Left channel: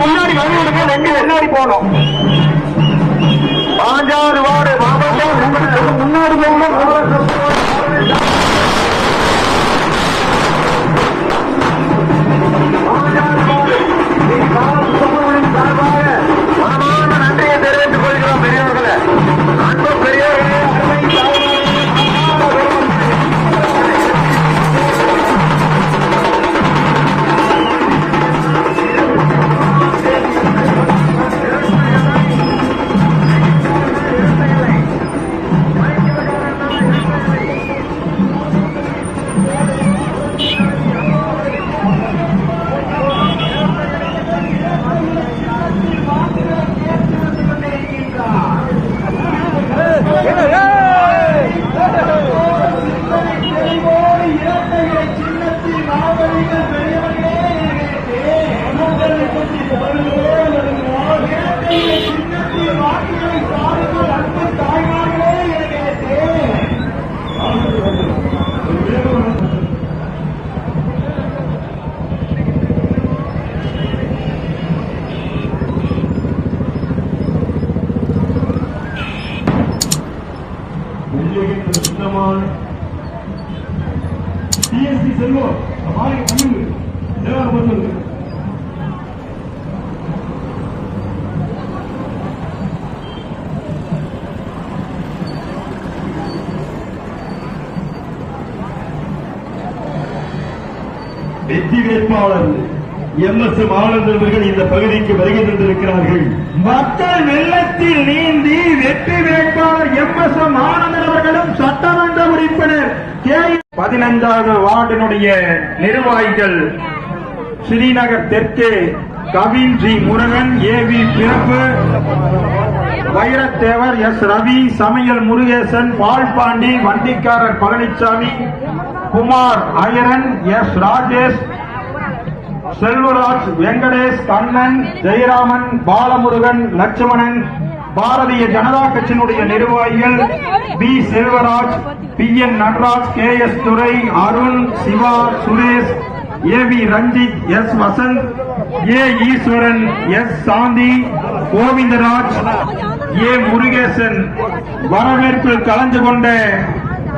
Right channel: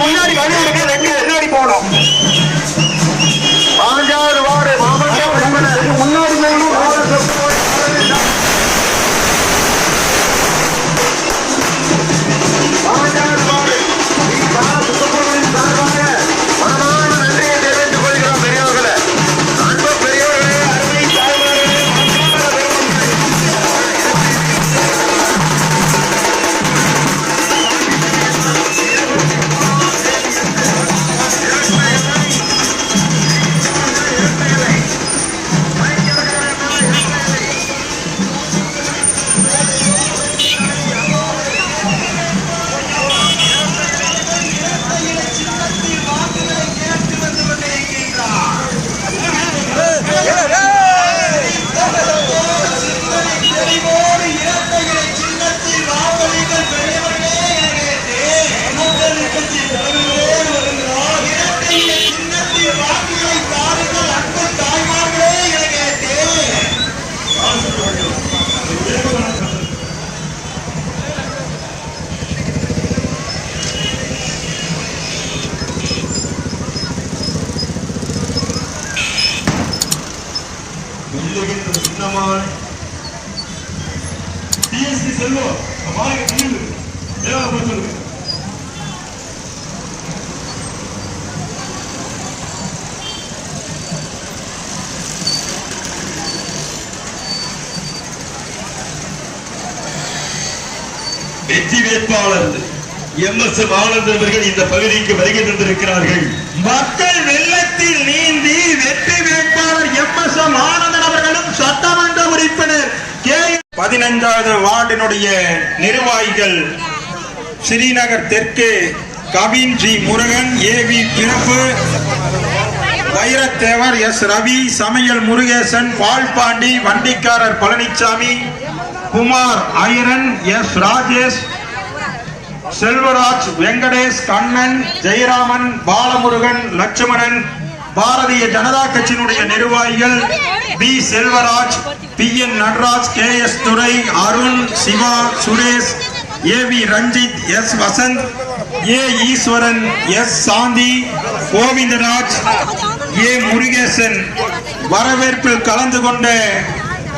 முன்னாடி வழி எடுக்க ரெண்டு முன்னாடி போனோம். பாஞ்சாறு வார்டு மாவட்டம் முன்னாடி நன்றியை தெரிவித்துக் கொள்கிறோம். பெரியவர்களே, அன்பு பெரியவர்களே, அருமை தாய்மார்களே, வெற்றி வேட்பாளர் எம்.எஸ். ஆனந்தன் அவர்கள் இந்த பகுதிக்கு வருகை தந்திருக்கிறார்கள். மக்கள் வெள்ளத்தில் நீந்தி வெற்றி வேட்பாளர் எம்.எஸ். ஆனந்தன் அவர்களும் சட்டமன்ற உறுப்பினர் 15வது வார்டினுடைய நிர்வாகிகள் ஸ்ரீநகர் தெற்கு கவின் ஜி முருகன், ஏ.வி. பிறப்பு, வைரத்தேவர், எஸ். ரவி, சமையல் முருகேசன், பால்பாண்டி, வண்டிக்காரர் பழனிசாமி, குமார் ஐயரன், எஸ். ராஜேஷ், செல்வராஜ், வெங்கடேஷ், கண்ணன், ஜெயராமன், பாலமுருகன், லட்சுமணன், பாரதிய ஜனதா கட்சியினுடைய நிர்வாகிகள் பி. செல்வராஜ், பி. என். நடராஜ், கே. எஸ். துரை, அருண், சிவா, சுரேஷ், ஏ.வி. ரஞ்சித், எஸ். வசந்த், ஏ. ஈஸ்வரன், எஸ். சாந்தி, கோவிந்தராஜ், ஏ. முருகேசன் வரவேற்பில் கலந்து கொண்ட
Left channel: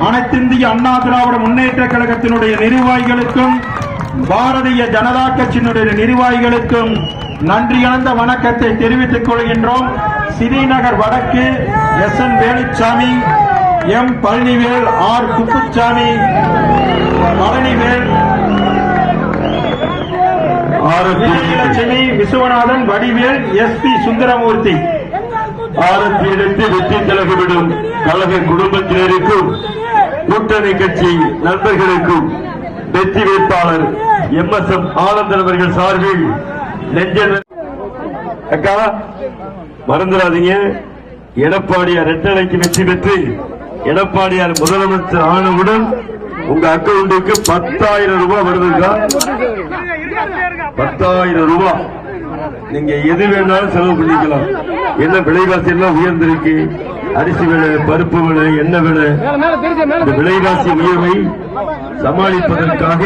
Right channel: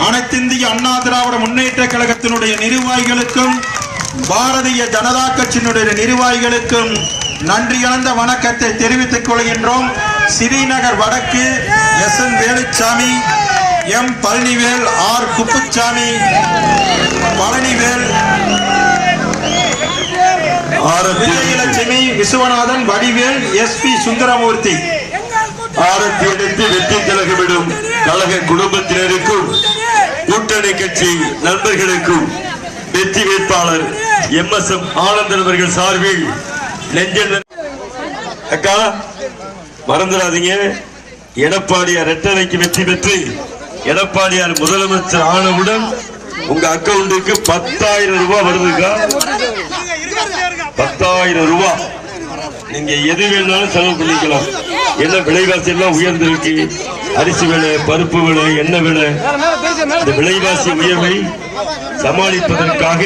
அனைத்திந்திய அண்ணா திராவிட முன்னேற்ற கழகத்தினுடைய நிர்வாகிகளுக்கும் பாரதிய ஜனதா கட்சியினுடைய நிர்வாகிகளுக்கும் நன்றி கலந்த வணக்கத்தை தெரிவித்துக் கொள்கின்றோம். ஸ்ரீநகர் வடக்கு S. N. Veluchamy, M. Palanivel, R. Kuppuchamy, Palanivel, Lakshmi, Viswanathan, Vadivel, S. P. Sundaramoorthy. வெற்றி கழகமிடும் கழக குடும்பத்தினருக்கும் கூட்டணி கட்சி நண்பர்களுக்கும் வெற்றி வேட்பாளர் எம்.எஸ். ஆனந்தன் அவர்கள் சார்பில் அக்கா மறந்துடாதீங்க. எடப்பாடியார் இரட்டலைக்கு வெற்றி பெற்று எடப்பாடியார் முதலமைச்சர் ஆனவுடன் உங்க அக்கௌண்ட்டுக்கு 10,000 ரூபாய் வருதுக்கா. 10,000 ரூபாய் நீங்க எது வேணாலும் செலவு பண்ணிக்கலாம். என்ன விலைவாசி எல்லாம் உயர்ந்திருக்கு. அரிசி விலை, பருப்பு விலை, எண்ணெய் விலை, இந்த விலைவாசி உயர்வை சமாளிப்பதற்காக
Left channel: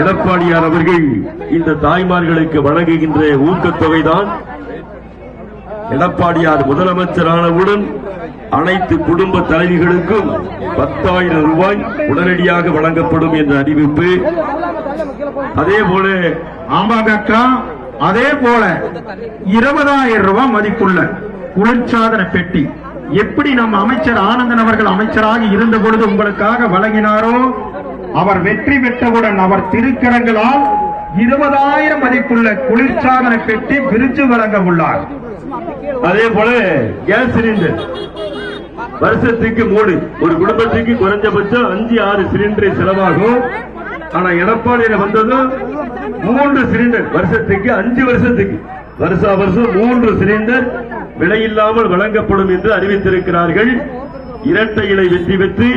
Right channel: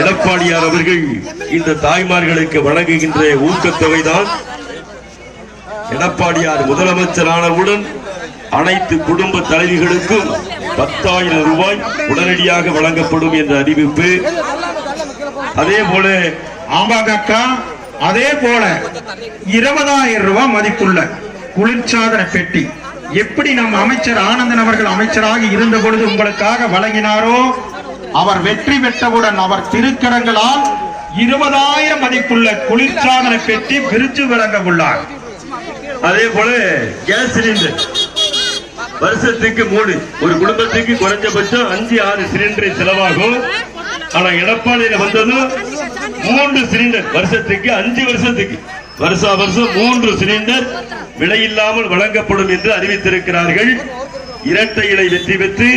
எடப்பாடியார் அவர்கள் இந்த தாய்மார்களுக்கு வழங்குகின்ற ஊக்கத்தொகை தான் எடப்பாடியார் முதலமைச்சரானவுடன் அனைத்து குடும்ப தலைவிகளுக்கும் 10,000 ரூபாய் உடனடியாக வழங்கப்படும் என்ற அறிவிப்பு. அதே போல ஆமாங்கக்கா, அதே போல 20,000 ரூபாய் மதிப்புள்ள குளிர்சாதன பெட்டி எப்படி நம்ம அமைச்சர் ஆனந்தன் அவர்கள் அமைச்சராக இருந்த பொழுது உங்களுக்காக வழங்கினாரோ, அவர் வெற்றி பெற்றவுடன் அவர் திருக்கரங்களால் 20,000 மதிப்புள்ள குளிர்சாதன பெட்டி பிரித்து வழங்க உள்ளார். அதே போல கேஸ் சிலிண்டர் வருஷத்துக்கு 3, ஒரு குடும்பத்துக்கு குறைஞ்சபட்சம் 5-6 சிலிண்டர் செலவாகும். ஆனா எடப்பாடியில வந்ததும் 3 சிலிண்டர் வருஷத்துக்கு 5 வருஷத்துக்கு வருஷா வருஷம் 3 சிலிண்டர் விலையில்லாமல் வழங்கப்படும் என்று அறிவித்திருக்கிறார்கள். இரட்டை இலை வெற்றி பெற்று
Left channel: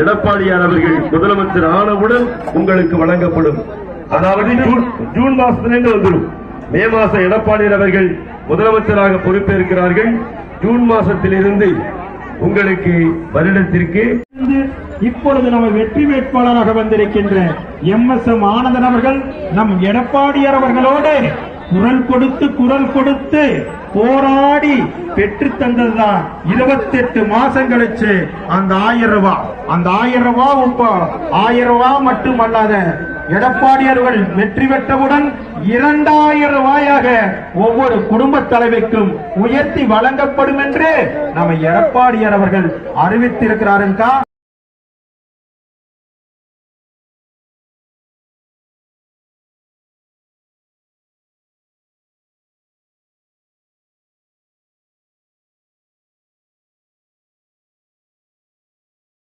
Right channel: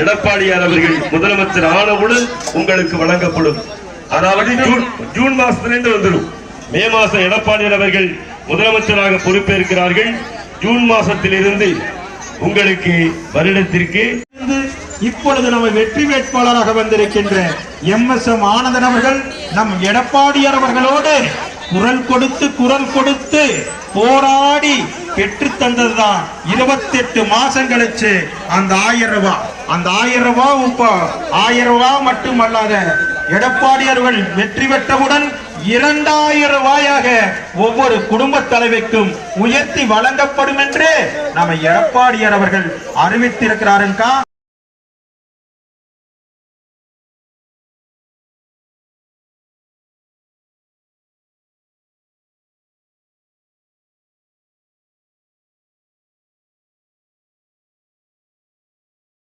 எடப்பாடியார் அவர்கள் முதலமைச்சர் ஆனவுடன் உங்களுக்கு வழங்கப்படும். அதாவது ஜூன் மாசத்திலிருந்து வந்துடும். மே மாசம் எடப்பாடியார் அவர்கள் முதலமைச்சராக பொறுப்பேற்கிறார்கள். ஜூன் மாசத்திலிருந்து உங்களுக்கு வருடத்திற்கு இப்பொழுது நம்ம வெற்றி வேட்பாளராக வந்திருக்கின்ற MSM ஆனந்தன் அவர்கள் நம் எடப்பாடியார் அவர்களோடு குரல் கொடுத்து போராடி பெற்று தந்ததுதான் 28 மாசம் கழிச்சு அந்த 1000 ரூபாய். அந்த 1000 ரூபாய் இப்போ 1000 ரூபாய் மட்டுமல்லாத எடப்பாடியார்கள் வெற்றி பெற்றவுடன் 2000 ரூபாயாக ஒவ்வொரு குடும்ப தலைவிக்கும் உயர்த்தி வழங்கப்படும் என்று நம்ம எடப்பாடியார் அவர்கள் அறிவித்திருக்கிறாருங்கா.